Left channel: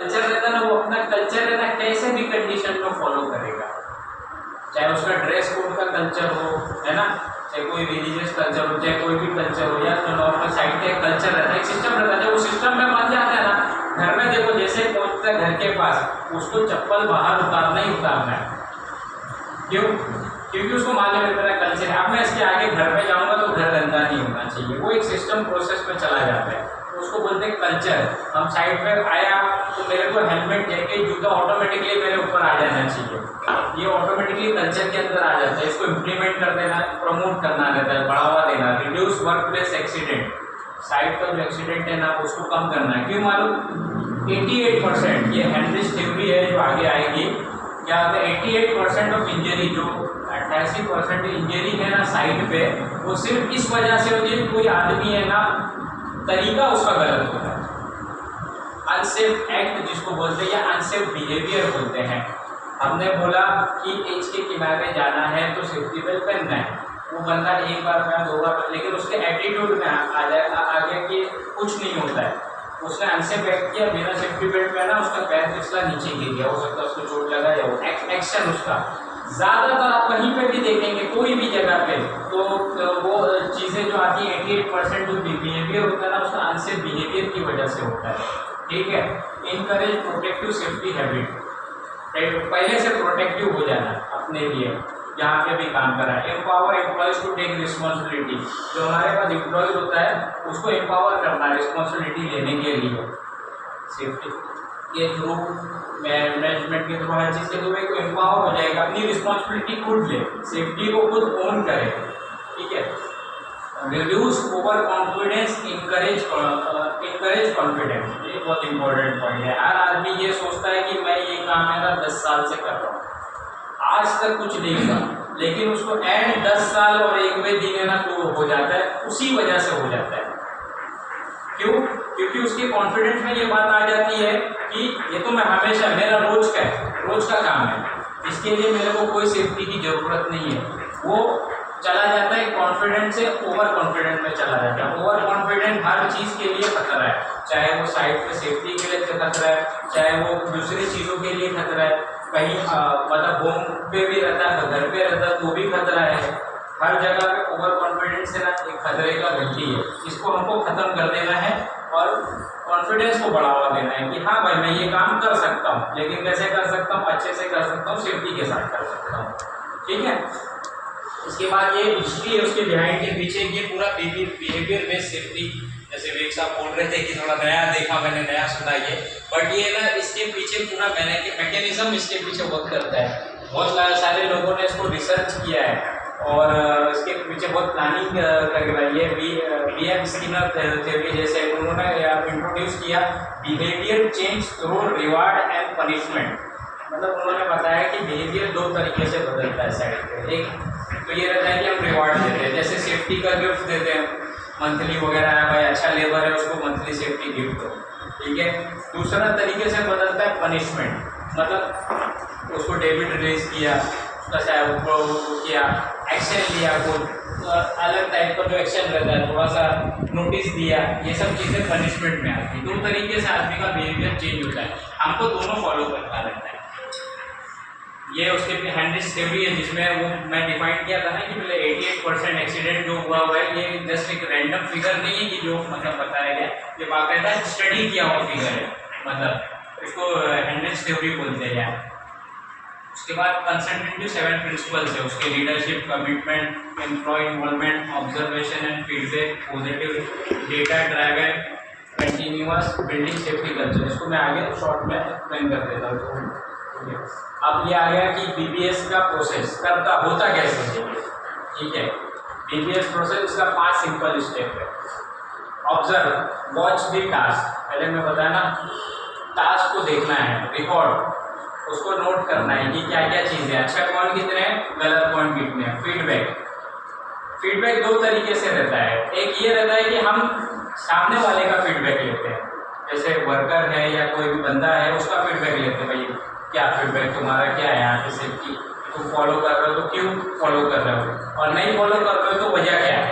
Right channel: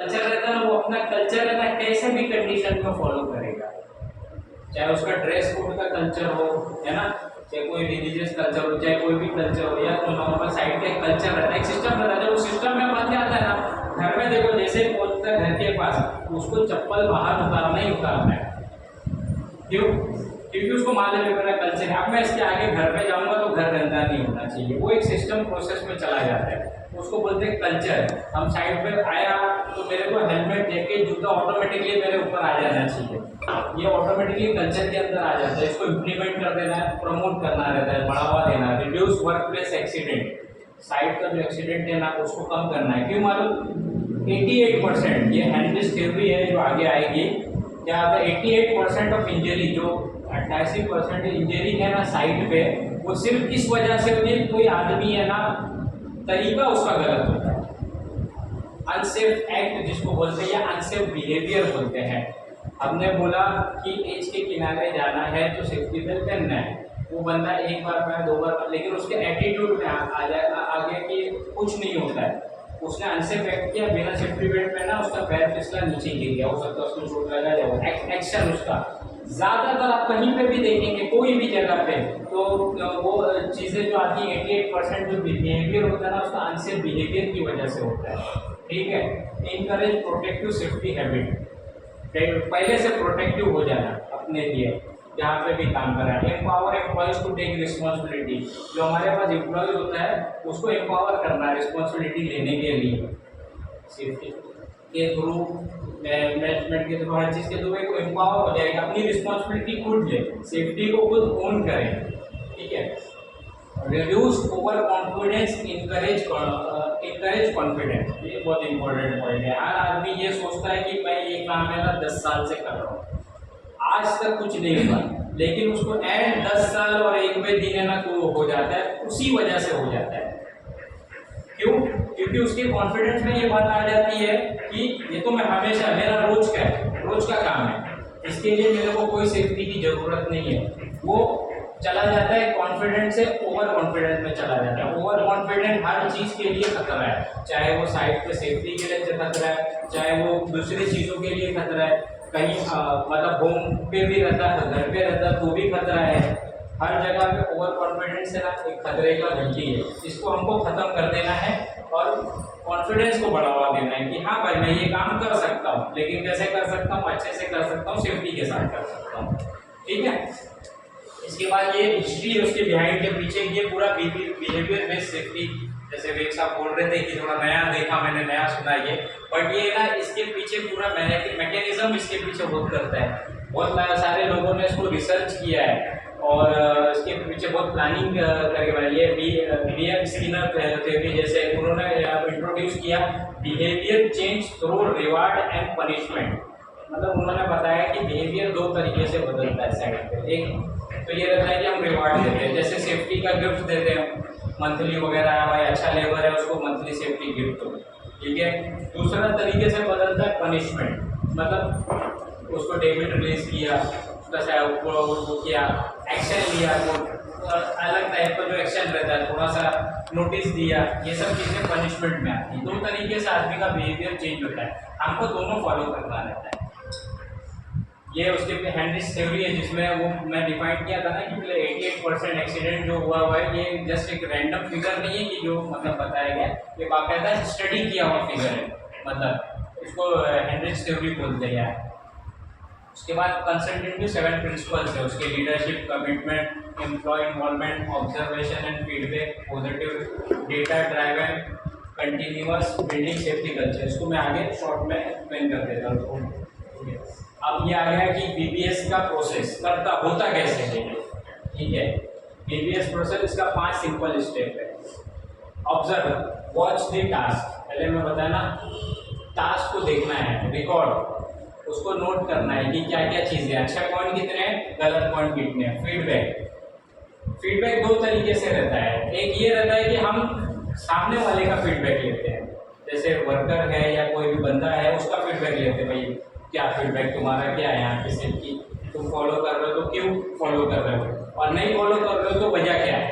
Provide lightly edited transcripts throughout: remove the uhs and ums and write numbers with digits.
Culture रहता है ना, वो अपना कल्चर है ना कैसे भी कंडीशन में फॉलो करेगा, चाहे उसका ड्रेस कोड का कल्चर हो, है ना, चाहे कोई रिलीजियस कल्चर हो, चाहे कोई भी कल्चर हो, या तो नॉर्मल साइड का कल्चर रहता है, एक सिस्टम रहता है। जब वो सिस्टम में बन जाता है ना, घर में देखो जैसे पहुंचता है घर के पास, उसको चप्पल बाहर उतारना ही उतारना है। क्यों? क्योंकि उसको मालूम है मेरा कल्चर है। अब मैं इसके आगे घर में जाऊंगा तो घर गंदा नहीं होना चाहिए, वो एक सिस्टम प्रोसेस में चला जाता है, तो उसको बोलते हैं कल्चर। हम साइड पे आया तो मेरे को हेलमेट, जैकेट, जूता ऑटोमेटिकली मेरे ऊपर आ जाना चाहिए, ये ऑटोमेटिकली कल्चर के अंदर आ जाता है। इसको इम्प्लीमेंट कर देना, प्रमोट करना रहता है, बढ़ावा देना, reduce work place accident, side का जो एक्सीडेंट है ना उसको कम करना है। क्यों मालूम? 88%, ये हेनरिच थ्योरी है जो आगे आएगी, क्या होता है 88% ऑफ इंजरी, जो 88% इंजरी है ना साइड पे, वो सिर्फ इस वजह से होती है कोई आदमी है ना तरीका उसका गलत होता है, अनसेफ एक्ट जिसको बोलते हैं, या अनसेफ बिहेवियर बोलते हैं। हमने बोला कि एज के किनारे जाना है तो सेफ्टी बेल्ट पहनना है, वो बंदा एक बार पहना, दो बार, लेकिन उसके एटीट्यूड में आ गया कि कुछ नहीं होता है, उसने अनसेफ एक्ट किया, बिना सेफ्टी बेल्ट पहना, उसका पैर फिसला, नीचे गिर गया, हो सकता है उसको चोट लगा, या वो एक्शन उसका ज़्यादातर आप कहीं पे भी देखेंगे, कोई भी जगह पे, तो वो चीज़ें जो आती है 88% जो बिहेवियर होता है ना, उसका अनसेफ बिहेवियर की वजह से होता है। ठीक है, इनकरेज प्रोटेक्टिव सेफ्टी हैबिट, पहले से प्रोटेक्टिव हो जाना अपने लिए, जहाँ पे भी काम करा है। Empower employees to take responsibility, जो हमारे पास एम्प्लॉयज़ होता है उसको एम्पावर करना है रिस्पॉन्सिबिलिटी लेने के लिए, सेफ्टी के थ्रू, मैनेजमेंट के थ्रू, हर चीज़ के थ्रू एक एम्पावर हो जाएगा, अपनी रिस्पॉन्सिबिलिटी खुद ले, सेफ्टी को खुद ओन करे। ठीक है, reduce over confidence, encourage confidence, ये बहुत इंपॉर्टेंट पॉइंट है। हर आदमी ये सोचता है कि मैं ये काम है ना 10 साल से कर रहा हूँ, आज तक कुछ नहीं हुआ, लेकिन उसको एंड 10 साल और 1वें दिन है ना तो हो जाता है, उसी वजह से हो जाता है। क्यों? क्योंकि उसके कॉन्फिडेंस में ये बात आ जाती है कि ये तो मैं हमेशा, मेरा रोज का काम है, इसके लिए मेरे को कोई सेफ्टी की ज़रूरत नहीं है। वो चला जाता है कॉन्फिडेंस से ओवर कॉन्फिडेंस में चला जाता है। ओवर कॉन्फिडेंस हर चीज़ के लिए खतरा है, चाहे वो साइड पे सेफ्टी के लिए खतरा है, चाहे वो दूसरी चीज़ों के लिए खतरा है, कहीं मतलब होम पे भी रहता है, घर पे रहता है तो भी खतरा है। हर जगह पे ओवर कॉन्फिडेंस है ना एक खतरे का घंटी है, इसको हमको ख़त्म कर देना है और कॉन्फिडेंस को बढ़ावा देना है कि हाँ भाई मैं ये काम कर सकता हूँ, लेकिन कैसे कर सकता हूँ? अच्छे से कर सकता हूँ, सेफ्टी के साथ कर सकता हूँ। ठीक है, इसके बाद ये हिस्ट्री है उसके बिहाइंड के पीछे, ये पूरा बिहेवियर बेस्ड सेफ्टी, जैसे वेग साहब बोल रहे थे कि थोड़ा नया देखा, मैंने नया सुना ये, बट ये ना इसके पीछे पूरा मैकेनिज्म इसके पीछे वर्क करता है। बहुत सारे लोगों ने इसको रिसर्च किया है और इसके पीछे बहुत प्लानिंग करके बनाई है। BM स्किनर थ्योरी जैसे उन्होंने इंट्रोड्यूस किया behaviour change through reward and punishment, मतलब उन्होंने बताया कि बिहेवियर दो तरीके से बदलता है साइड पे। एक तो ये रहता है कि हम रिवार्ड देते हैं, जैसे सेफ्टी का गिफ्ट देते हैं मंथली वगैरह है, भाई अच्छा लेबर है उसको मंथली सेफ्टी गिफ्ट दो। ठीक है, दूसरा तरीके से बदलता है पनिशमेंट, मतलब उसको डेबिट रिलीज किया, उसका वो किया, एक्शन लिया, वो अलग टाइप का जो एक्शन रहता है, थोड़ा सा नोटिस दिया, ये सब चीज़ें पनिशमेंट में आती हैं। दो तरीके से आदमी का बिहेवियर चेंज होता है, हमको दोनों फॉलो करना रहता है। ये उसके हेनरिच थ्योरी है जिसमें वो मैं डिफाइन किया था ना कि 88% एक्सीडेंट जो हुआ है ये जस्ट एक रैंडम फिगर नहीं है कि जो मतलब बताया गया, ये बाकायदा स्टडी किया हुआ फिगर है, मतलब इसको हेनरिच थ्योरी बोलते हैं। उसके बाद कंसल्टेंटिव 7 प्रिंसिपल्स है उसके, leadership, commitment, employee involvement, observation and feedback, positive, data driven, continuous, building safety culture. इसको मैं आगे शॉर्ट में एक्सप्लेन कर देता हूँ। अब ये आ गया कि BBS का प्रोसेस करता होता कैसे है। ठीक है, BBS प्रोसेस इसका 5 सिंपल स्टेप है। ऑब्जर्व, वॉच द टास्क, पहले मैं बताया ना टास्क को देखना है, रिकॉर्ड, उसको नोट करना है कि क्या क्या चीज़ें, अच्छा पॉइंट कितने हैं, गलत पॉइंट कितने हैं। फीडबैक दो तरीके से रहता है, एक ये रहता है कि हम सामने वाले का फीडबैक लेते हैं, जैसे वर्कर है या कोई भी बंदा है उसका फीडबैक लेते हैं, भाई क्या फीडबैक तुम्हारा क्या है यहाँ पे सेफ्टी, तुम फॉलो कर रहे हो तो क्यों फॉलो कर रहे हो, और नहीं फॉलो कर रहे हो तो वजह क्या है,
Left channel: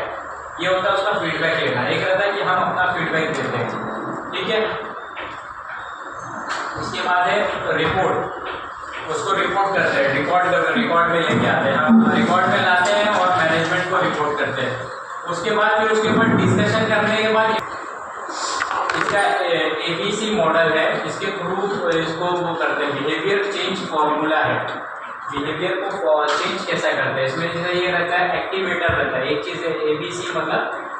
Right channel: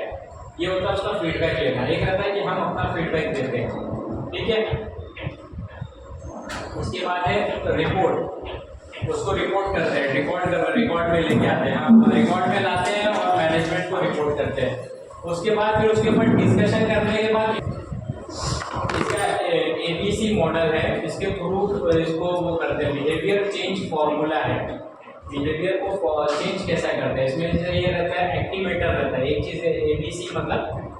ये होता है उसका फीडबैक लेना। एक रहता है कि हम अपना फीडबैक देते हैं। ठीक है, उसके बाद है रिपोर्ट, उसको रिपोर्ट करते हैं, रिकॉर्ड में लेके आते हैं, हम रिकॉर्ड में लाते हैं और मैनेजमेंट को रिपोर्ट करते हैं। उसके बाद फिर उसके ऊपर डिस्कशन करने के बाद इसका ABC मॉडल है, इसके थ्रू इसको वो करते हैं, बिहेवियर चेंज फॉर्मूला है। बिहेवियर को चेंज कैसा करते हैं, इसमें जैसे ये रहता है एक्टिवेटर रहता है, एक चीज़ है ABC मतलब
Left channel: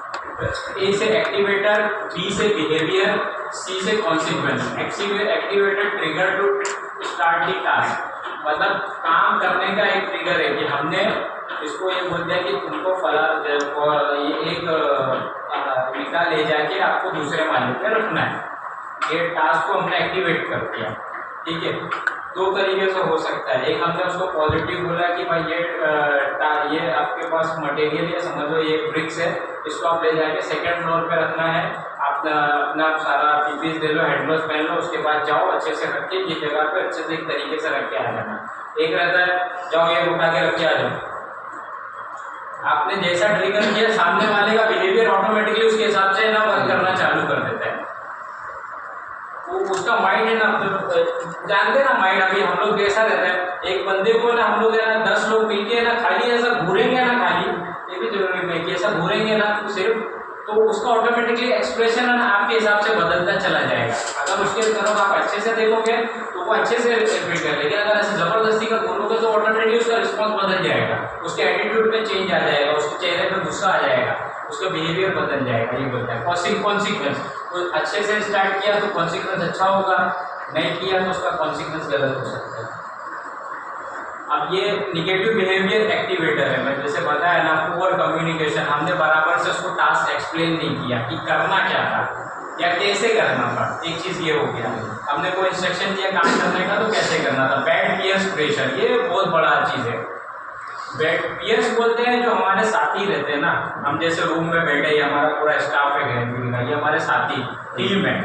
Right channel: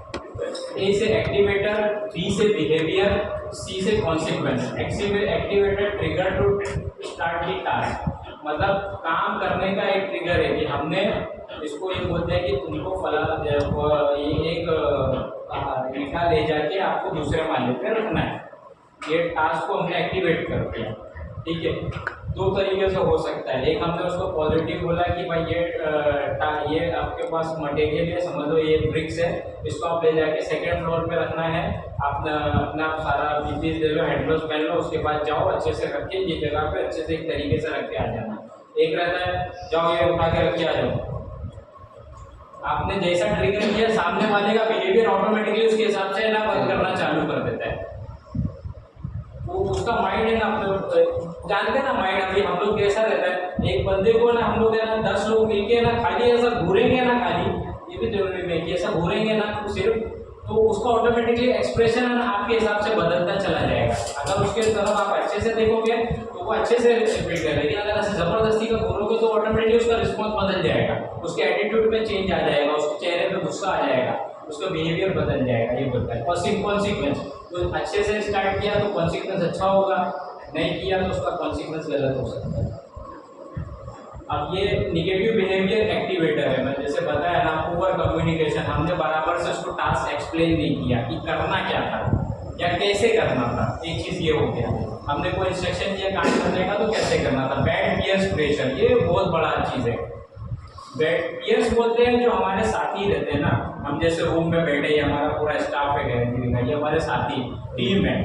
A से एक्टिवेटर, B से बिहेवियर, C से consequence. Activator trigger to start the task, मतलब काम करने का एक ट्रिगर है कि हमने इसको ये बोलते हैं कि तुमको ये एक निकाल ले जाके आपको दूसरे माले पे रखना है। ये टास्क को हमने एक्टिवेट कर दिया, ठीक है। दो तरीके से हो सकता है, एक हमने उसको पॉजिटिव बोला कि भाई ये आपके पास मटेरियल है, समझ लो ये ब्रिक्स है, इसको आप ले जाके सेकंड फ्लोर पे रखना है, अपना सारा पीपीस ले लो, हैंड ग्लव्स पहन लो, उसके बाद जाओ अच्छे से रख के ये जगह पे अच्छे से एक तरीके से रख के आ जाना। एक रहता है जाओ ये उठा के रख के आ जाओ, आपने जैसा ट्रिगर किया सामने वाले का बिहेवियर ऑटोमेटिकली उसके हिसाब से ना वर्क करना चालू कर देता है। वो उसका माइंड है ना, जानते हैं ना माइंड, अभी हम लोग कैसा रहता है, एक बंदे को ना हम लोग है ना 10 लोग मिलके ना खाली ऐसा घूरेंगे ना, खाली ये भी जरूरी नहीं कि ऐसा घूरेंगे ना तो सिर्फ, तो उसका ऑटोमेटिकली एक्सप्रेशन है ना आपके हिसाब से बदलता चला जाएगा। अगर उसके तरफ आप अच्छे से देखोगे तो वो अच्छे से रिस्पेक्ट कर, लेकिन अगर ऐसे ज़बरदस्ती का घूरोगे तो ऑटोमेटिकली उसका रिस्पॉन्स बदल जाएगा, उसके एटीट्यूड में चेंज आ जाएगा, उसके चेहरे पे गुस्सा आ जाएगा, उसका बिहेवियर बदल जाएगा। ये बोलता है कॉन्सिक्वेंस, तो अच्छे से स्टार्ट किया तो कॉन्सिक्वेंस अच्छा होगा, नहीं किया तो उसका कॉन्सिक्वेंस गलत हो सकता है। अब ये निगेटिव बिहेवियर एक्टिवेटर है, मैं जैसे बताया ना, पुअर कम्युनिकेशन, हमने बराबर से उसको टास्क एक्सप्लेन नहीं किया कि करना क्या था या कैसे करना था। एक चीज़ ये हो गया, हमने कोई इंस्ट्रक्शन दिया काम करने का तो कैसे करना था। बैड पीयर्स प्रेशर, ये बहुत बड़ा चीज़ है। बैड पीयर्स बोलते हैं जो हमारे साथी रहते हैं ना, हम जैसे रूम में बैठे, हमारा पूरा स्टाफ है घर, ये हमारे साथी टीम है,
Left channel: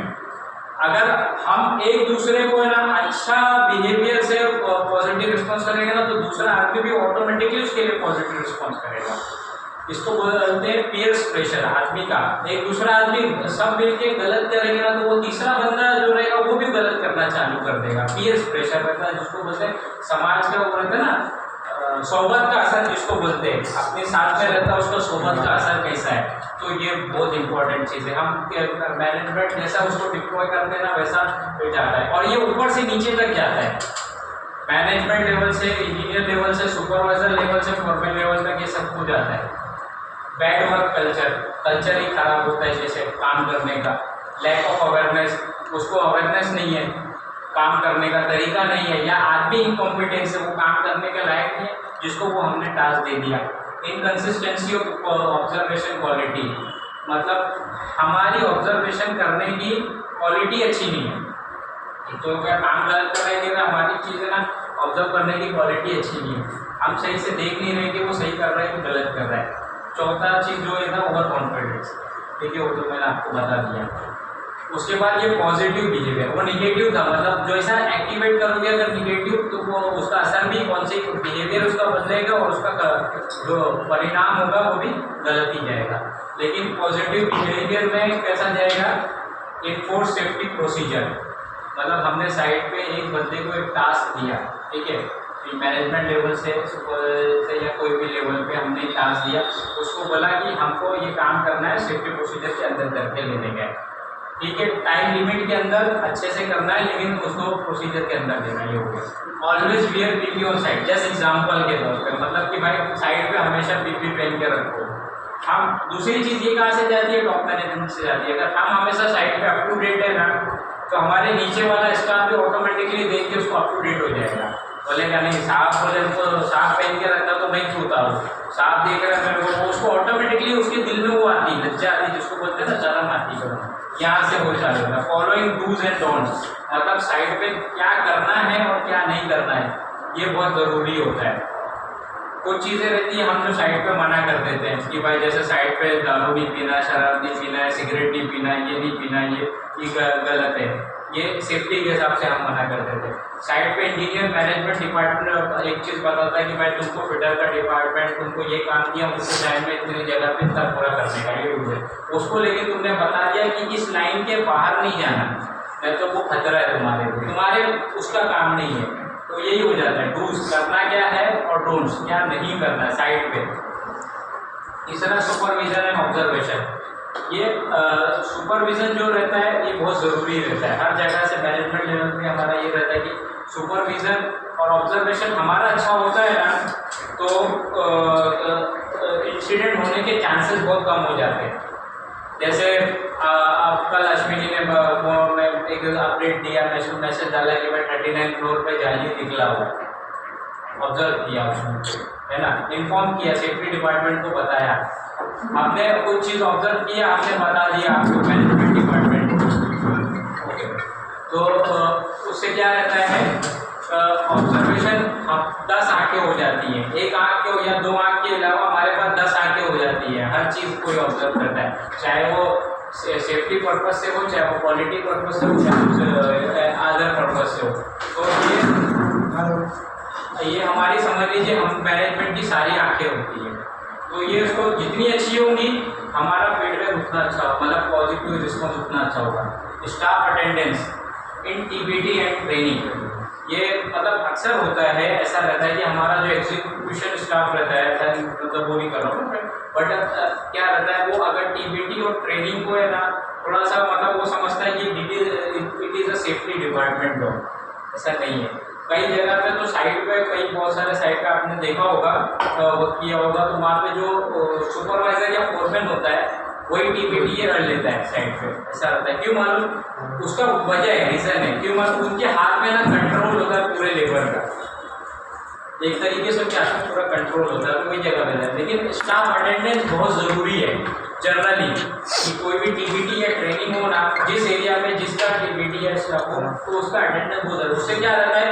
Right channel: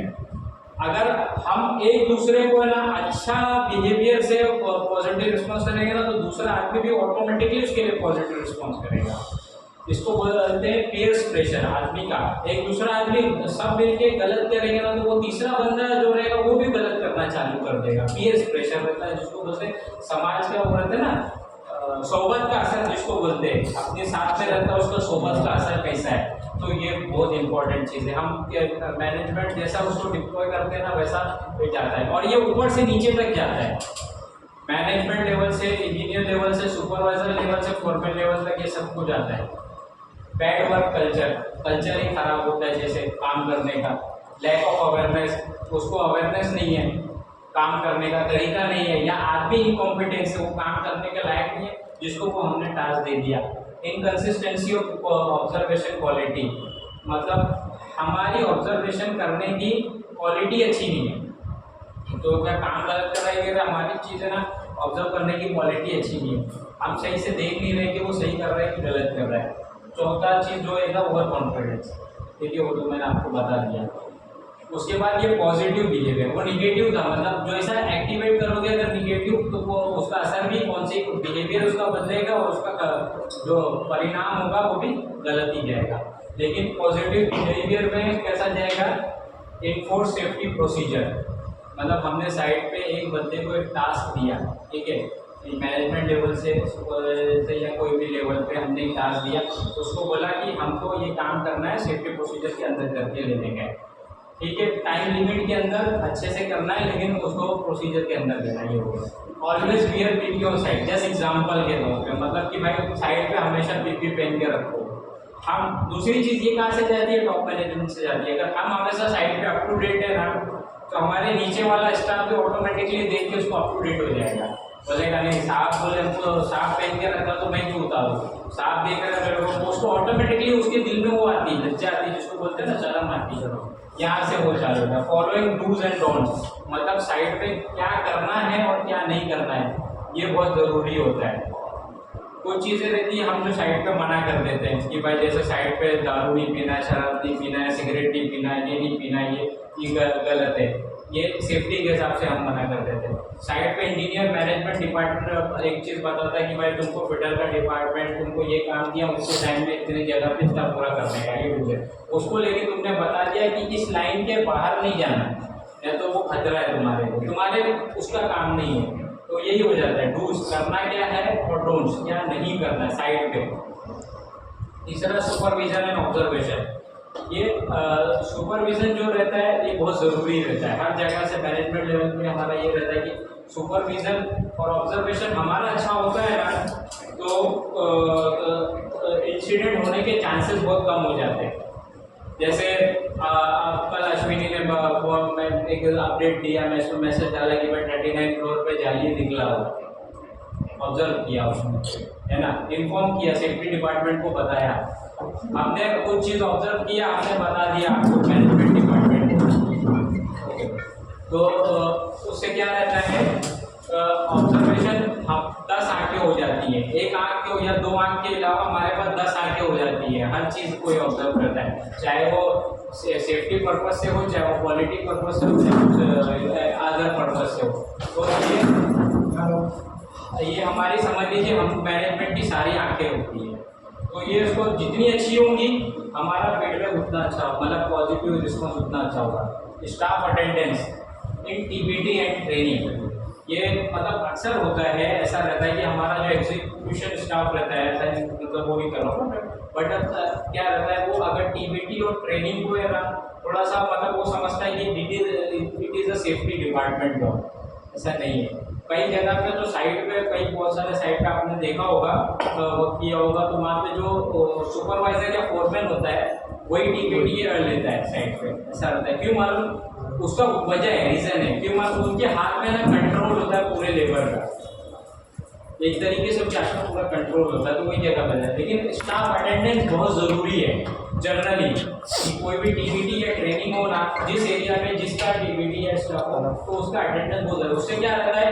अगर हम एक दूसरे को है ना अच्छा बिहेवियर से पॉजिटिव रिस्पॉन्स करेंगे ना, तो दूसरा आदमी भी ऑटोमेटिकली उसके लिए पॉजिटिव रिस्पॉन्स करेगा। इसको बोलते हैं पीयर्स प्रेशर। आदमी का एक दूसरा आदमी सब मिलके गलत करेंगे ना, तो वो तीसरा बंदा जो रहेगा वो भी गलत करना चालू कर देगा। पीयर्स प्रेशर रहता है, जिसको बोलते हैं समाज का, वो रहता है ना सोबत का असर, जिसको बोलते हैं अपने साथ में रहता है उसका सोबत का असर कैसा है। तो ये बहुत इंपॉर्टेंट चीज़ है। हम मैनेजमेंट जैसा उसको डिप्लॉय करते हैं ना, वैसा जाता है, और ये ऊपर से नीचे तक जाता है। मैनेजमेंट लेवल से, इंजीनियर लेवल से, सुपरवाइजर लेवल से, फॉरमैन लेवल तक ये सब कुछ जाता है। बैड वर्क कल्चर ही खराब होता है, जैसे काम करने का लैक ऑफ अवेयरनेस, उसको अवेयरनेस नहीं है, काम करने का तरीका नहीं है, या आदमी इनकॉम्पिटेंस है, वो काम करने के लायक नहीं है जिसको वो हमने टास्क दे दिया। इनकन्सिस्टेंसी ऑफ ऑब्जर्वेशन क्वालिटी, मतलब हमारी ऑब्जर्वेशन करने की क्वालिटी अच्छी नहीं है। तो क्या काम गलत कर रहे हैं कि हमारी चीज़ें ना ऑब्जर्व करने की क्वालिटी अच्छी नहीं है, हम सही से देख नहीं रहे कि वो सही कर रहे हैं कि गलत कर रहे हैं। चौथा चीज़ जो है ना ओवर कॉन्फिडेंस, ठीक है, वो तो मैंने आपको बता दिया। उसके बाद ये पॉजिटिव बिहेवियर, वो निगेटिव था, मतलब जो ऐसा एक्टिवेट करोगे अगर निगेटिव, तो वो उसका असर भी कौन सी बिहेवियर उसका बदलेगा और उसका जो परिणाम होगा वो भी गलत ही जाएगा। लेकिन पॉजिटिव बिहेवियर में कैसा जाएगा, एनफोर्स सेफ्टी प्रोसीजर, मतलब हमने साइड पे एक बंदे को एक टास्क दिया, ठीक है, मैनेजमेंट लेवल से या कोई भी लेवल पे हमने एक टास्क दिया, उसको बोला कि हमको ये काम करना है, सेफ्टी प्रोसीजर के अंदर करके लेने गए, ठीक है, टाइम लिमिट के अंदर अच्छे से करना है, लेकिन उसको प्रोसीजर के अंदर देना। ये हो गया। Always wear PP on side, जैसे एग्जांपल के तौर पे, मतलब कि भाई साइड पे हमेशा पीपी पहन के रखो। हम दूसरी चीज़ ये कहाँ से जाती है, टॉप मैनेजमेंट से जाती है। अगर हम हमेशा साइड पे अप टू डेट है ना, तो हमारे नीचे वाला स्टाफ भी ऑटोमेटिकली देख के उसको अप टू डेट हो जाएगा, बोलेगा नहीं साहब बोले हमको साफ पहन के रखा तो मैं क्यों उतारूँ, साफ देख रहा है वो, उसको ऑटोमेटिकली उसके दिल में वो आती है, लज्जा आती है, जिसको बोलते हैं ना शर्म आती है, यहाँ से हो चालू होगा। फॉलोइंग डूज एंड डोंट्स, मतलब साइड पे क्या करना है और क्या नहीं करना है, ये बहुत ज़रूरी होता है। कुछ चीज़ें रहती है हम जो साइड पे मना कर देते हैं कि भाई जैसे साइड पे दारू नहीं पीना है, शराब नहीं पीना है, सिगरेट नहीं पीना है, ये नहीं पीना है, ये गलत है, ये सेफ्टी के हिसाब से हम मना कर देते हैं। साइड पे इंजीनियर मैनेजमेंट डिपार्टमेंट एक चीज़ बताता है कि भाई तुमको फिटर का डिपार्टमेंट तुमको ये काम दिया, उसके टाइम में इतनी जगह पे इतना पूरा करने का, ये रूल है, उसको लेके तुमने बता दिया कि इस लाइन के बाहर नहीं जाना, नहीं तो वो खतरा है तुम्हारे उसका काम नहीं है। तो यही हो जाता है, डूज करना क्या है और डोंट्स क्या नहीं करना है साइड पे। तीसरा सुपरविजन एंड ऑब्जर्वेशन। ये सुपरविजन जो रहता है ये बहुत ज़रूरी रहता है हर जगह से। मैनेजमेंट लेवल पे हमारा ये रहता है कि सुपरविजन और ऑब्जर्वेशन हमारा अच्छा होता है ना, तो इंसिडेंट होने के चांसेस बहुत कम हो जाते हैं। जैसे आप कल अश्विनी ने मैं एक अपडेट दिया, मैसेज डाला कि मैं 39 फ्लोर पे जाली निकला हो, ऑब्जर्व किया उसने, है ना, इन्फॉर्म किया, सेफ्टी डिपार्टमेंट को बताया, हमने कुछ चीज़ ऑब्जर्व किया, हमने बता दिया आपको मैनेजमेंट डिपार्टमेंट को। ओके, तो उससे क्या रहता है, ऑब्जर्वेशन हम 10 आंखें हो जाती हैं, एक आंख के हो या 2 आंख के अलावा हमारे पास 10 आंखें हो जाती है। हर चीज़ कोई ऑब्जर्व करता है, चाहे वो सेफ्टी पर्पज से हो, चाहे वो क्वालिटी पर्पज से हो, चाहे अदर पर्पज से हो। तो ये हमारी समझ लीजिए हम मैनेजमेंट की सारी आंखें होती हैं। तो ये उसको जितनी अच्छी होंगी हमारा फीडबैक उतना अच्छा होगा, मतलब पॉजिटिव रिस्पॉन्स उतना अच्छा होगा। Staff attendance in TBT and training, ये मतलब अक्सर होता है, ऐसा रहता है कि हमारा जो एग्जीक्यूशन स्टाफ रहता है, ऐसा मतलब वो नहीं कर रहा हूँ, बट क्या रहता है वो अगर टीबीटी और ट्रेनिंग को है ना थोड़ा सा मतलब वो समझता है कि it is a safety department job. ऐसा नहीं है, कई जगह पे तो साइट पे कई बहुत सारे साइट का आपने देखा होगा, वर्क किया होगा, तो वहाँ पे जो सुपरवाइजर या फोरमैन होता है वही टीबीटी रन लेता है साइट पे। ऐसा होता है, क्यों मालूम? उसका वजह है, रीज़न है, क्यों मालूम? उनके हाथ में ना कंट्रोल होता है पूरे लेबर का, एक तरीके से क्या पूरा कंट्रोल होता है, तो वही जगह पे है। लेकिन स्टाफ अटेंडेंस बहुत ज़रूरी है जनरली, कि कोई भी टीबीटी या ट्रेनिंग हो ना, जिस एरिया में जिसका टीबीटी या स्टाफ हो तो उसका अटेंडेंस बहुत ज़रूरी। उससे क्या रहता है,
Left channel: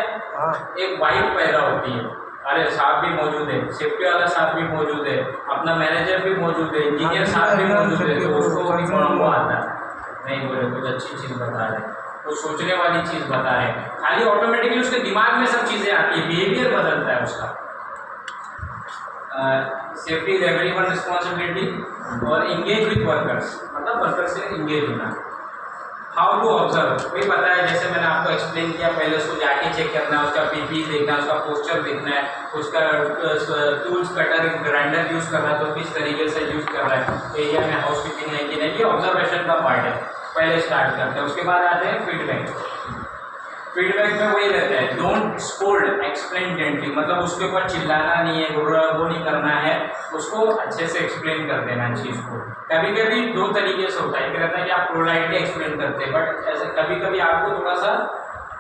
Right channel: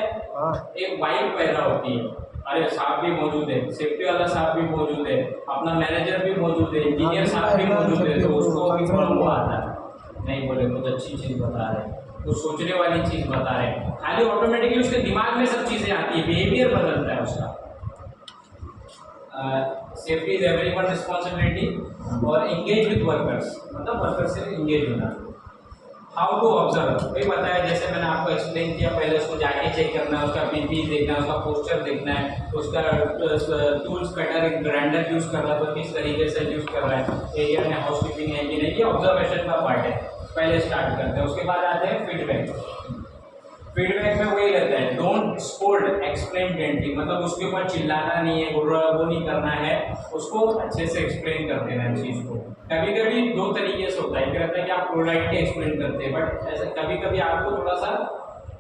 एक वाइब पैदा होती है, अरे साहब भी मौजूद है, सेफ्टी वाला साहब भी मौजूद है, अपना मैनेजर भी मौजूद है, इंजीनियर साहब भी मौजूद है, तो उसको भी थोड़ा वो आता है, नहीं बोले कुछ अच्छी चीज़ बता रहे हैं, कुछ सोचने वाली चीज़ बता रहे हैं, खाली ऑटोमेटिकली उसके दिमाग में सब चीज़ें आती है, बिहेवियर बदलता है उसका। सेफ्टी इज एवरीवन रिस्पॉन्सिबिलिटी और एंगेज विद वर्कर्स, मतलब वर्कर से एंगेज होना। हाउ टू ऑब्जर्व, वही पता है, जैसे मैंने आपको एक्सप्लेन किया, पहले उसको जाके चेक करना है, उसका पीपी देखना है, उसका पोस्चर देखना है, उसका टूल्स कटर ग्राइंडर यूज़ कर रहा है तो किस तरीके से यूज़ कर रहा है, एरिया में हाउस कीपिंग है कि नहीं, ये ऑब्जर्वेशन का पार्ट है, पहले स्टार्ट करते हैं। उसके बाद आते हैं फीडबैक। फीडबैक में वही रहता है, डोंट स्कोल्ड, एक्सप्लेन जेंटली, मतलब उसके ऊपर चिल्लाना नहीं है, वो नहीं करना है, उसको अच्छे से एक्सप्लेन कर देना चीज़ को। कभी कभी 2 तरीके से होता है, एक रहता है कि आप पोलाइटली एक्सप्लेन करते हैं, बट ऐसे कभी कभी आपको थोड़ा सा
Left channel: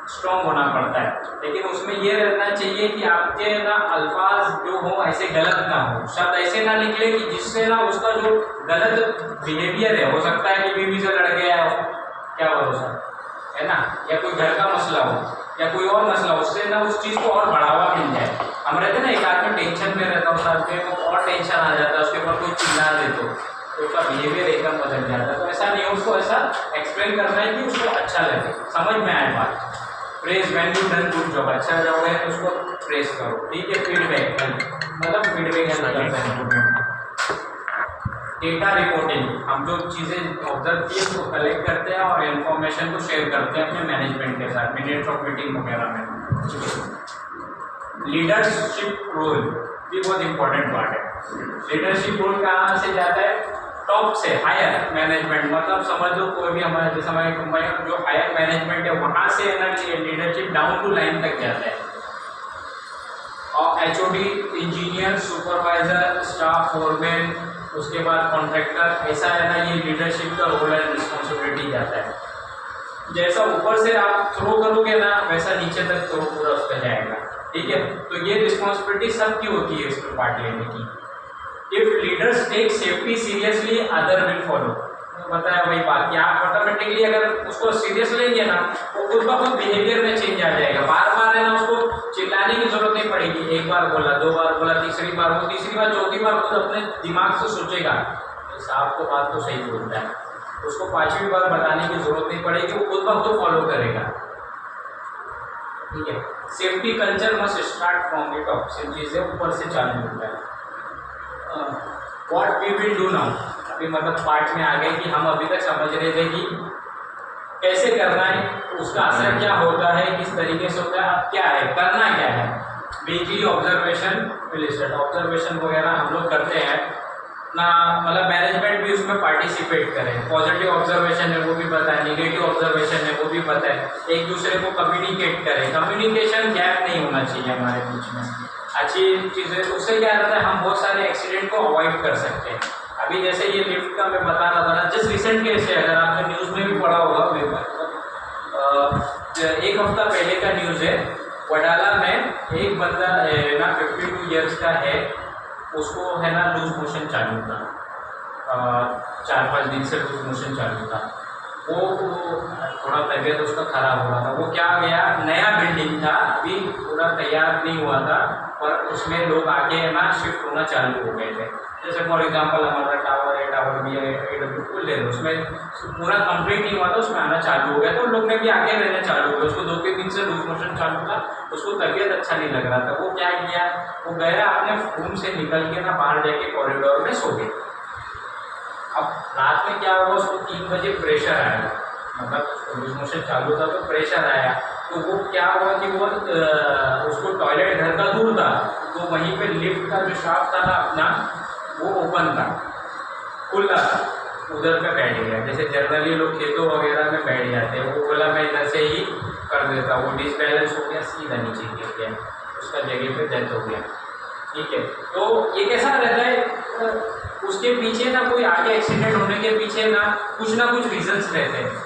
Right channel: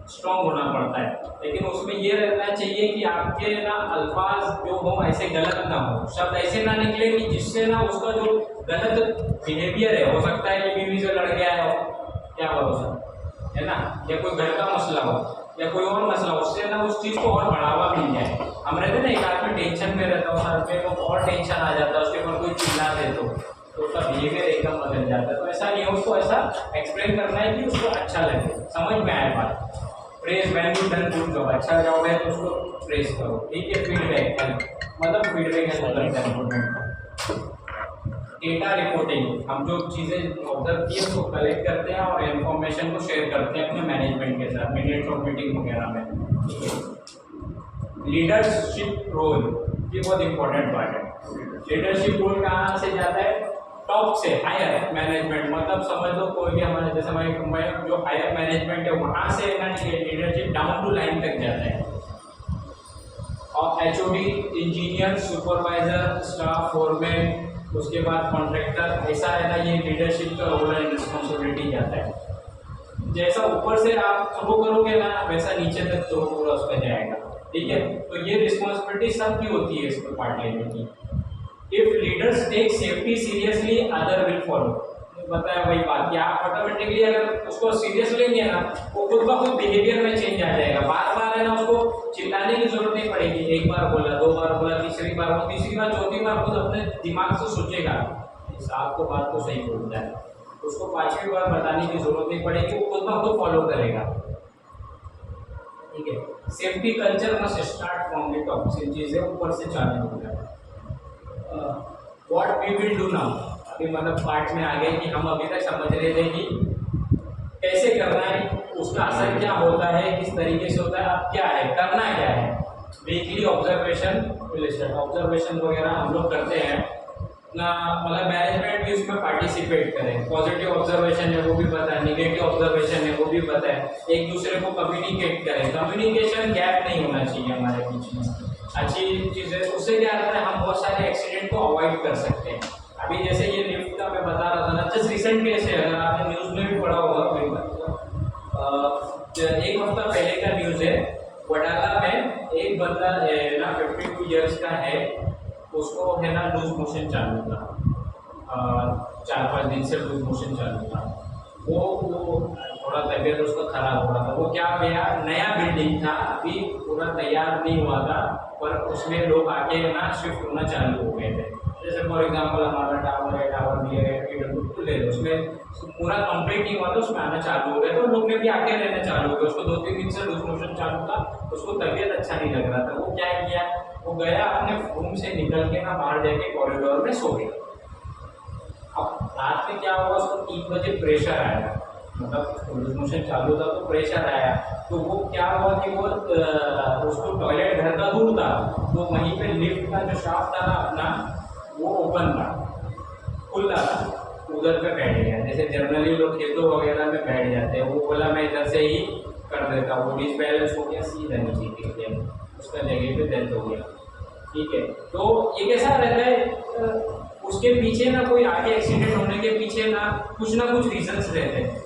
स्ट्रॉन्ग होना पड़ता है, लेकिन उसमें ये रहना चाहिए कि आपके ना अल्फाज जो हो ऐसे गलत ना हो, शब्द ऐसे ना निकले कि जिससे ना उसका जो गलत बिहेवियर है, हो सकता है कि बीवी से लड़ गया हो, क्या भरोसा है ना, या कोई घर का मसला हो या कोई और मसला हो, उससे ना उस चीज़ को और बढ़ावा मिल जाए। हम रहते ना, एक आदमी टेंशन में रहता है, उस आदमी को और टेंशन आ जाता है, उसके ऊपर कोई चिल्ला दे तो उसका बिहेवियर एकदम बदल जाता है। तो ऐसा नहीं हो, उसको ऐसा एक्सप्लेन करना है कि उसको अच्छा लगे, समझ में आए बात। Praise when you done good job, अच्छा जॉब है तो उसको प्रेज करो, ठीक है। फीडबैक मतलब फीडबैक है डेटा रिपोर्टिंग, हम जो चीज़ें ऑब्जर्व की उसको कलेक्ट करते हैं और इन्फॉर्मेशन को शेयर करते हैं अपने मैनेजमेंट के साथ, मिनट्स ऑफ मीटिंग वगैरह में। लीडरशिप रोल भी बहुत इंपॉर्टेंट पार्ट है। लीडरशिप रोल कहाँ से जाता है, टॉप से हायर मैनेजमेंट, मतलब समझ लो कोई भी हमारे जैसे हमारी कंपनी जो हायर मैनेजमेंट है वहाँ से ना लीडरशिप डाउन टू लाइन तक जाता है। और HOD, engineer, supervisor, staff, foreman, उसके बाद कॉन्ट्रैक्टर, ऐसा है ना, ये लीडरशिप का रोल एंड रिस्पॉन्सिबिलिटी जाता है। जैसा ऊपर से आप थ्रो करोगे ना वैसा नीचे तक थ्रो पूरा उसका जाएगा, ठीक है। तो ये रिस्पॉन्सिबिलिटी सबकी होती है इसमें पार्ट लेने की। If leaders take safety seriously other will follow, बताया वही बात कि आप ऑटोमेटिकली अगर उसको सीरियस लेंगे ना वो खुद ब खुद बिहेवियर में चेंज आ जाएगा। बार बार है ना उसको चिल्लाने की जरूरत नहीं पड़ेगी, एक बार बोला, 2 बार बोला, तीसरी बार, वो तीसरी बार चौथी बार खुद अपने दिमाग से सोचेगा साहब को बात तो सही बोलता है, उसको 5वीं बार बताने की जरूरत नहीं पड़ेगी, वो खुद ब खुद फॉलो करेगा, ठीक है। Safety culture must start from the top, सिर्फ चीज़ें ऊपर से चालू होता है। What we will do now, अभी मतलब पार्ट में आ गए कि हम अभी तक समझ रहे थे कि कैसे करना है उसका असर क्या होता है, किस तरीके से होता है, अब क्या है, करना क्या है। वीकली ऑब्जर्वेशन लिस्टेड ऑब्जर्वेशन वगैरह हम लोग करते हैं ना, मतलब मैनेजमेंट भी उसमें पार्टिसिपेट करें। पॉजिटिव ऑब्जर्वेशन है वो भी बताए, नेगेटिव ऑब्जर्वेशन है वो भी बताए, एक दूसरे को कम्युनिकेट करें। कम्युनिकेशन गैप नहीं होना चाहिए हमारे बीच में, अच्छी चीज़ें। उससे क्या रहता है, हम बहुत सारे एक्सीडेंट को अवॉइड कर सकते हैं। अभी जैसे ये लिफ्ट का मैं बता रहा था ना, जस्ट रिसेंट केस है, अगर आपने न्यूज़ में भी पढ़ा होगा एक हफ्ता पहले का न्यूज़ है। वडाला में एक बंदा है ना 52 ईयर्स का है, उसको है ना लूज मोशन चालू था, 4-5 दिन से लूज मोशन चालू था। वो थोड़ा तबीयत उसका ख़राब हुआ था। वो क्या गया, नया बिल्डिंग था, अभी पूरा तैयार नहीं हुआ था, पर उसमें लोग आके है ना शिफ्ट होना चालू हो गए थे। जैसे फॉर एग्जांपल हमारा टावर है, टावर भी है, AW ले लो, उसमें पूरा कंप्लीट नहीं हुआ था, उसमें आना चालू हो गया, तो लोग ने भी आके रहना चालू हो गया। उसको 2-3 दिन से लूज मोशन चालू था, उसको तबीयत अच्छा नहीं लग रहा था। वो क्या किया, वो गया अपने रूम से निकल के ना बाहर जाके कॉरिडोर में सो गया। अब रात में क्या हुआ, उसको 3 बजे प्रेशर आया, मतलब लूज मोशन चालू था तो प्रेशर आया। तो वो क्या हुआ कि वो उसको टॉयलेट घर का दूर था, तो वहीं पे लिफ्ट का जो शाफ्ट था ना अपना, वो ओपन था, खुला था, उधर पे बैठ गया। जैसे जनरली लोग खेतों वगैरह में बैठ जाते हैं, वो बोला मैं इधर से ही कर देता, वो डिसबैलेंस हो गया, सीधा नीचे गिर गया, उसका जगह पे डेथ हो गया। ठीक है, तो ये कैसा रहता है, उसके पीछे ना कोई आगे एक्सीडेंट होने के पीछे ना कुछ रीजंस रहते हैं।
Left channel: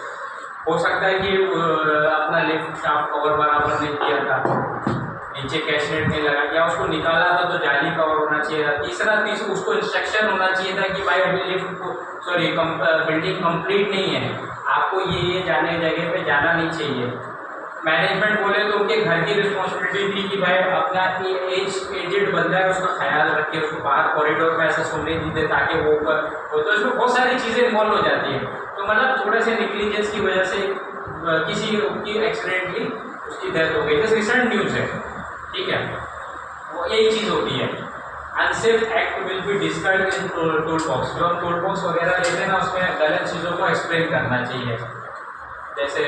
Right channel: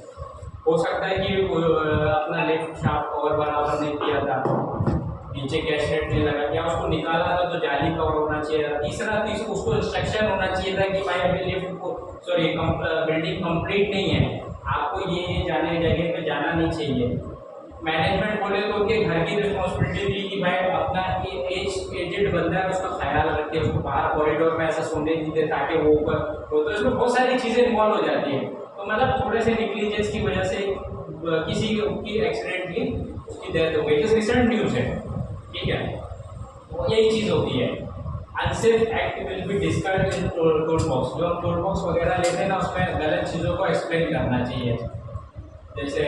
हो सकता है कि अपना लिफ्ट शाफ्ट कवर बराबर नहीं किया था, नीचे कैशनेट नहीं लगा, या उसको निकाला था तो जाली कवर होना चाहिए था। तीसरा उसको इंस्ट्रक्शन होना चाहिए था कि भाई अभी लिफ्ट को बिल्डिंग कंप्लीट नहीं है, आपको ये जाने जगह पे जाना नहीं चाहिए। मैनेजमेंट बोले तो उनके घर की रिस्पॉन्सिबिलिटी थी कि भाई अपना एजेड बंदा है उसका ख्याल रखे, उसको बाहर कॉरिडोर में ऐसा सोने नहीं दे ताकि वो तो इसमें बहुत सारी चीज़ें इन्वॉल्व हो जाती है। तो मतलब थोड़े से निग्लिजेंस की वजह से किसी की एक्सीडेंटली उसकी डेथ हो गई। जैसे रिसेंट न्यूज़ है, ठीक है, वो यही चीज़ होती है। Unsafe act will be discussed in tool box. जो हम टूल बॉक्स वगैरह लेते हैं ना, उसमें गलत चीज़ों को एक्सप्लेन करना चाहिए। जैसे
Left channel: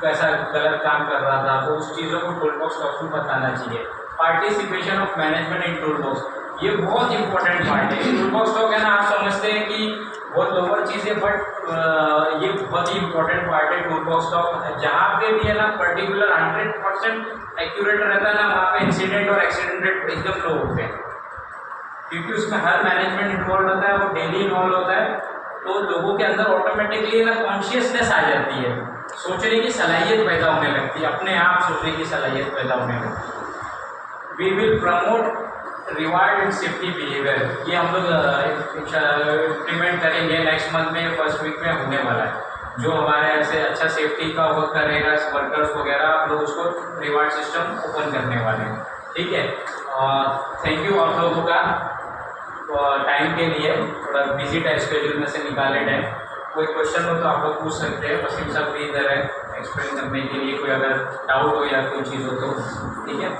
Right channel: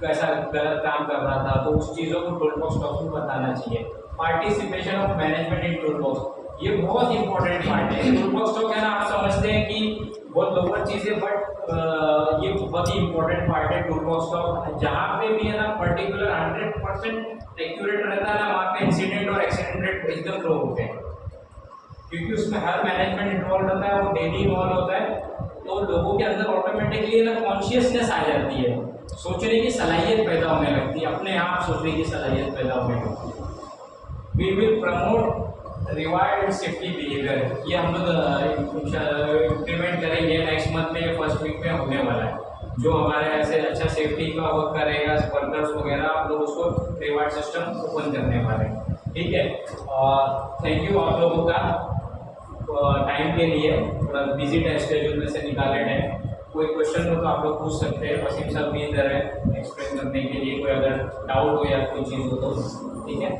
कैसा गलत काम कर रहा था तो उस चीज़ों को टूल बॉक्स टॉक्स में बताना चाहिए। Participation of management in tool box, ये बहुत इंपॉर्टेंट पार्ट है। टूल बॉक्स टॉक है ना, आप समझते हैं कि बहुत लोअर चीज़ है, बट ये बहुत ही इंपॉर्टेंट पार्ट है टूल बॉक्स टॉक। जहाँ पे भी है ना पर्टिकुलर 100% एक्यूरेट रहता है ना, वहाँ पे इंसिडेंट और एक्सीडेंट रेट एकदम लो होते हैं, क्योंकि उसमें हर मैनेजमेंट इन्वॉल्व रहता है, वो डेली इन्वॉल्व होता है। तो लोगों के अंदर ऑटोमेटिकली ना कॉन्शियसनेस आ जाती है, सोचने की सलाहियत पैदा होने लगती है, अपने आप सोचने की सलाहियत पैदा होने लगती है। We will promote reward and safety behaviour, ये हम लोग इम्प्लीमेंट करेंगे नेक्स्ट मंथ में, फर्स्ट वीक में होने वाला है। जो हमारे ऐसे अच्छा सेफ्टी का वर्क करेगा वर्कर्स वगैरह, आप लोग उसको रिवार्ड सिस्टम ओपन करने वाले हैं। ठीक है, थैंक यू आप लोगों का टाइम के लिए, थोड़ा बिजी टाइम शेड्यूल में से निकाले टाइम। कोई क्वेश्चन हो तो आप लोग पूछ सकते हैं, वसीम साहब भी इधर है एक्सप्लेन करने के लिए, कोई अगर डाउट हो या कोई चीज़ हो तो। ठीक है।